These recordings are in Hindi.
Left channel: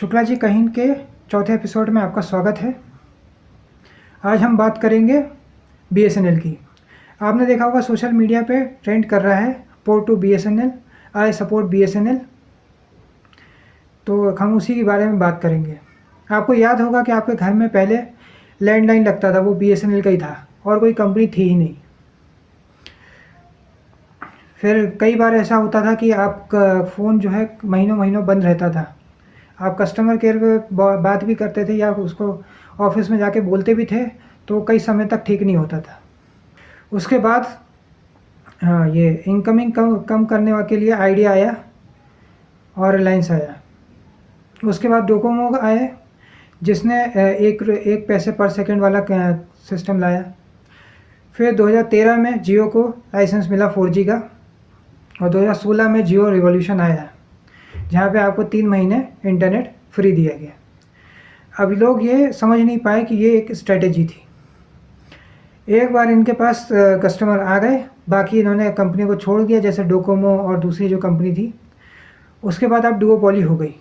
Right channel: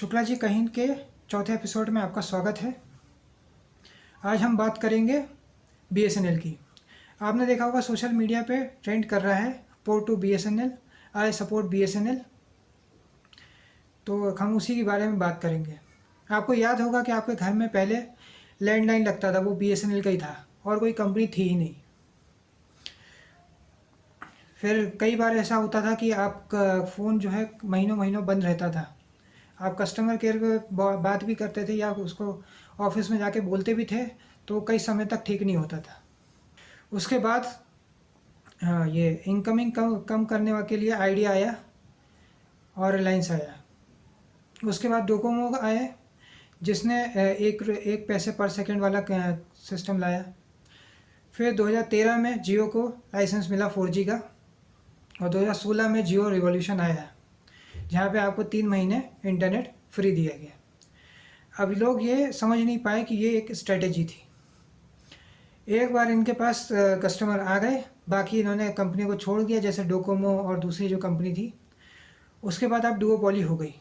शुक्ला जी कहीं के चौथे एपिसोड में आपका स्वागत है। आज हम बात करेंगे बीएसएनएल की। आपने देखा होगा सोशल मीडिया पे ट्रेंड कर रहा है port to BSNL, I support BSNL. तो हम उसी के बारे में बात करेंगे। आपको याद होगा कि आपके घर में पहले लैंडलाइन लगता था, वो बीएसएनएल का ही था और कोई कंपनी थी ही नहीं। फिर कई बार ऐसा होता था कि आपका फ़ोन जो है महीनों महीनों बंद रहता था। आप कस्टमर केयर पे बात भी करते थे या उसको ऑफिस में जाके बोलते भी थे तो कई समय तक ठीक नहीं होता था। उसके बाद ये इनकमिंग कम करने के लिए आइडिया आया और रिलायंस आया। उसके बाद डोकोमो आए जिसने एक पैसे पर सेकंड वाला सिस्टम लाया। फिर 2013 में जियो को लाइसेंस मिला 4G का और 2016 में जियो रिवॉल्यूशन आया जहाँ पे आपको 3 महीने इंटरनेट फ्री दिया गया। अभी लोग ये समझ नहीं पाए कि ये एक स्ट्रेटेजी थी। एक बार इनके पास कस्टमर आ गए, बाकी इन्होंने कंपनी को छोड़ दिया, जैसे डोकोमो और दूसरी जो कंपनी थी। उसके बाद अब डुओपोली हो गई।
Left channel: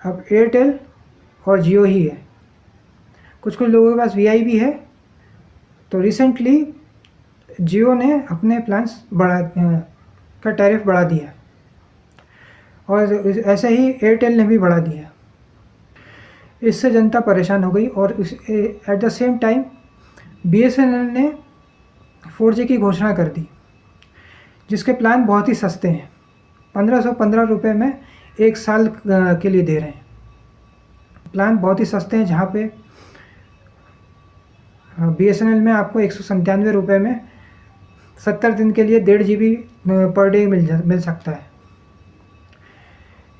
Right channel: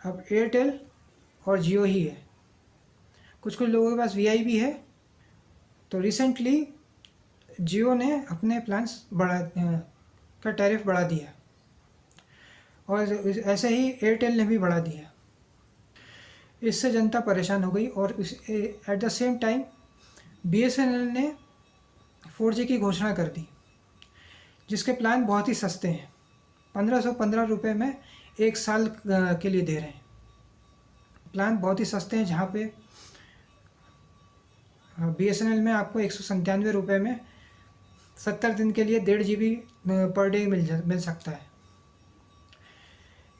अब एयरटेल और जियो ही है। कुछ लोगों के पास वीआई भी है। तो रिसेंटली जियो ने अपने प्लान्स का टैरिफ बढ़ा दिया और ऐसे ही एयरटेल ने भी बढ़ा दिया। इससे जनता परेशान हो गई और at the same time BSNL ने 4G की घोषणा कर दी, जिसके प्लान बहुत ही सस्ते हैं। 1515 रुपये में 1 साल के लिए दे रहे हैं। प्लान बहुत ही सस्ते हैं, जहाँ पे बीएसएनएल में आपको 197 रुपये में 70 दिन के लिए 1.5 GB पर डे मिल सकता है।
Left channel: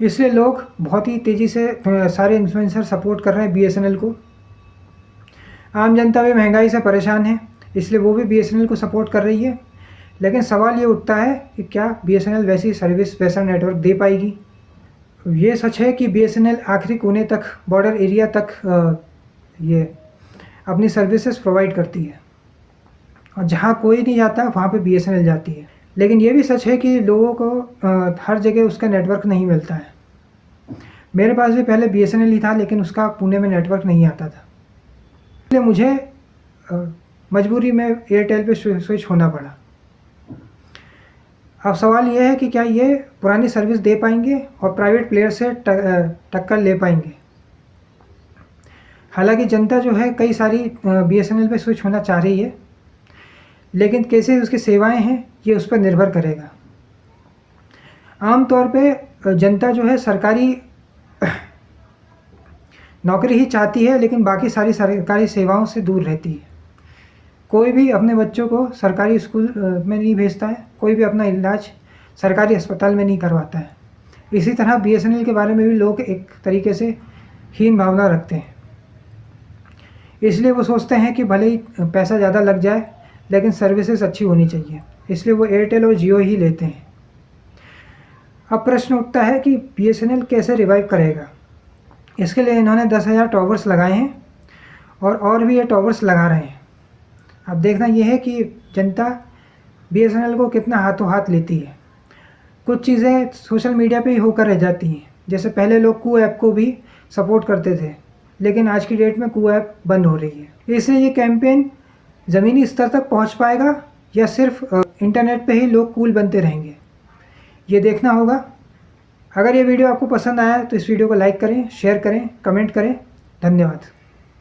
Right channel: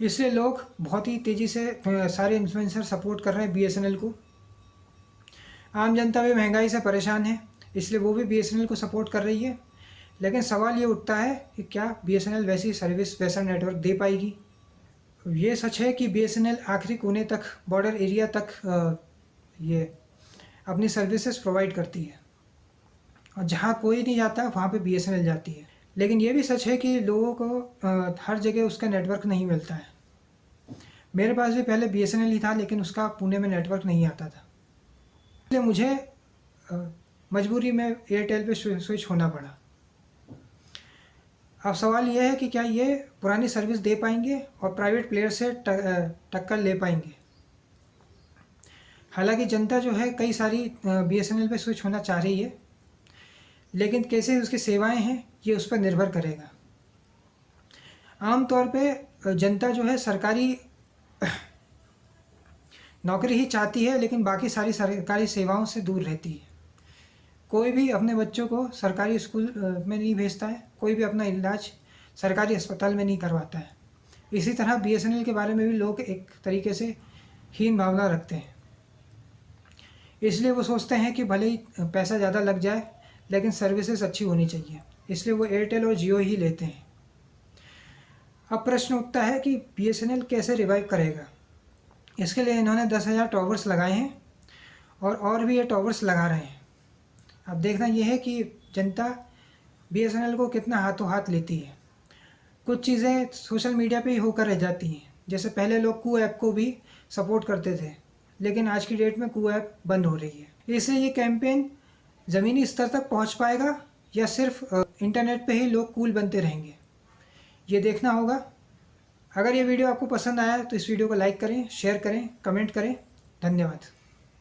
इसलिए लोग बहुत ही तेज़ी से सारे इन्फ्लुएंसर सपोर्ट कर रहे हैं बीएसएनएल को। आम जनता भी महंगाई से परेशान है, इसलिए वो भी बीएसएनएल को सपोर्ट कर रही है। लेकिन सवाल ये उठता है कि क्या बीएसएनएल वैसी सर्विस, वैसा नेटवर्क दे पाएगी? ये सच है कि बीएसएनएल आखिरी कोने तक, बॉर्डर एरिया तक ये अपनी सर्विसेज प्रोवाइड करती है और जहाँ कोई नहीं जाता वहाँ पे बीएसएनएल जाती है। लेकिन ये भी सच है कि लोगों को हर जगह उसका नेटवर्क नहीं मिलता है। मेरे पास भी पहले बीएसएनएल ही था, लेकिन उसका पुणे में नेटवर्क नहीं आता था, इसलिए मुझे मजबूरी में एयरटेल पे स्विच होना पड़ा। अब सवाल यह है कि क्या ये पुरानी सर्विस दे पाएंगे और प्राइवेट प्लेयर से टक्कर ले पाएंगे? हालांकि जनता जो है कई सारी बीएसएनएल पे स्विच होना चाह रही है, लेकिन कैसे उसकी सेवाएं हैं ये उस पर निर्भर करेगा। आमतौर पे जनता जो है सरकारी नौकरी ही चाहती है, लेकिन बाकी सारी सरकारी सेवाओं से दूर रहती है। कोई भी अपने बच्चों को सरकारी स्कूल में नहीं भेजता है, कोई भी अपना इलाज सरकारी अस्पताल में नहीं करवाता है। इसी तरह बीएसएनएल के बारे में भी लोग एक तरीके से हीन भावना रखते हैं। इसलिए वो सोचते हैं कि भले ही पैसा ज़्यादा लग जाए, लेकिन सर्विसेज अच्छी होनी चाहिए, इसलिए वो एयरटेल और जियो ही लेते हैं। अब प्रश्न उठता है कि बीएसएनएल कैसे रिवाइव करेगा। इसके लिए इन्होंने 10,000 टॉवर्स लगाए हैं और भी ये टॉवर्स लगा रहे हैं। अब देखना यह है कि जनता बीएसएनएल को कितना हाथों हाथ लेती है। कुछ चीज़ें सोशल मीडिया पे ही होकर रह जाती हैं, जैसे पहले लोग कू ऐप को भी सपोर्ट करते थे, लेकिन आज की डेट में कू ऐप बंद हो रही है। इसलिए ये कैंपेन ज़मीनी स्तर तक पहुंच पाएगा या सिर्फ इंटरनेट पे ही लोग कूल बनते रहेंगे, ये देखना होगा। अगर ये वीडियो आपको पसंद आया तो इस वीडियो को लाइक करें, शेयर करें, कमेंट करें। धन्यवाद।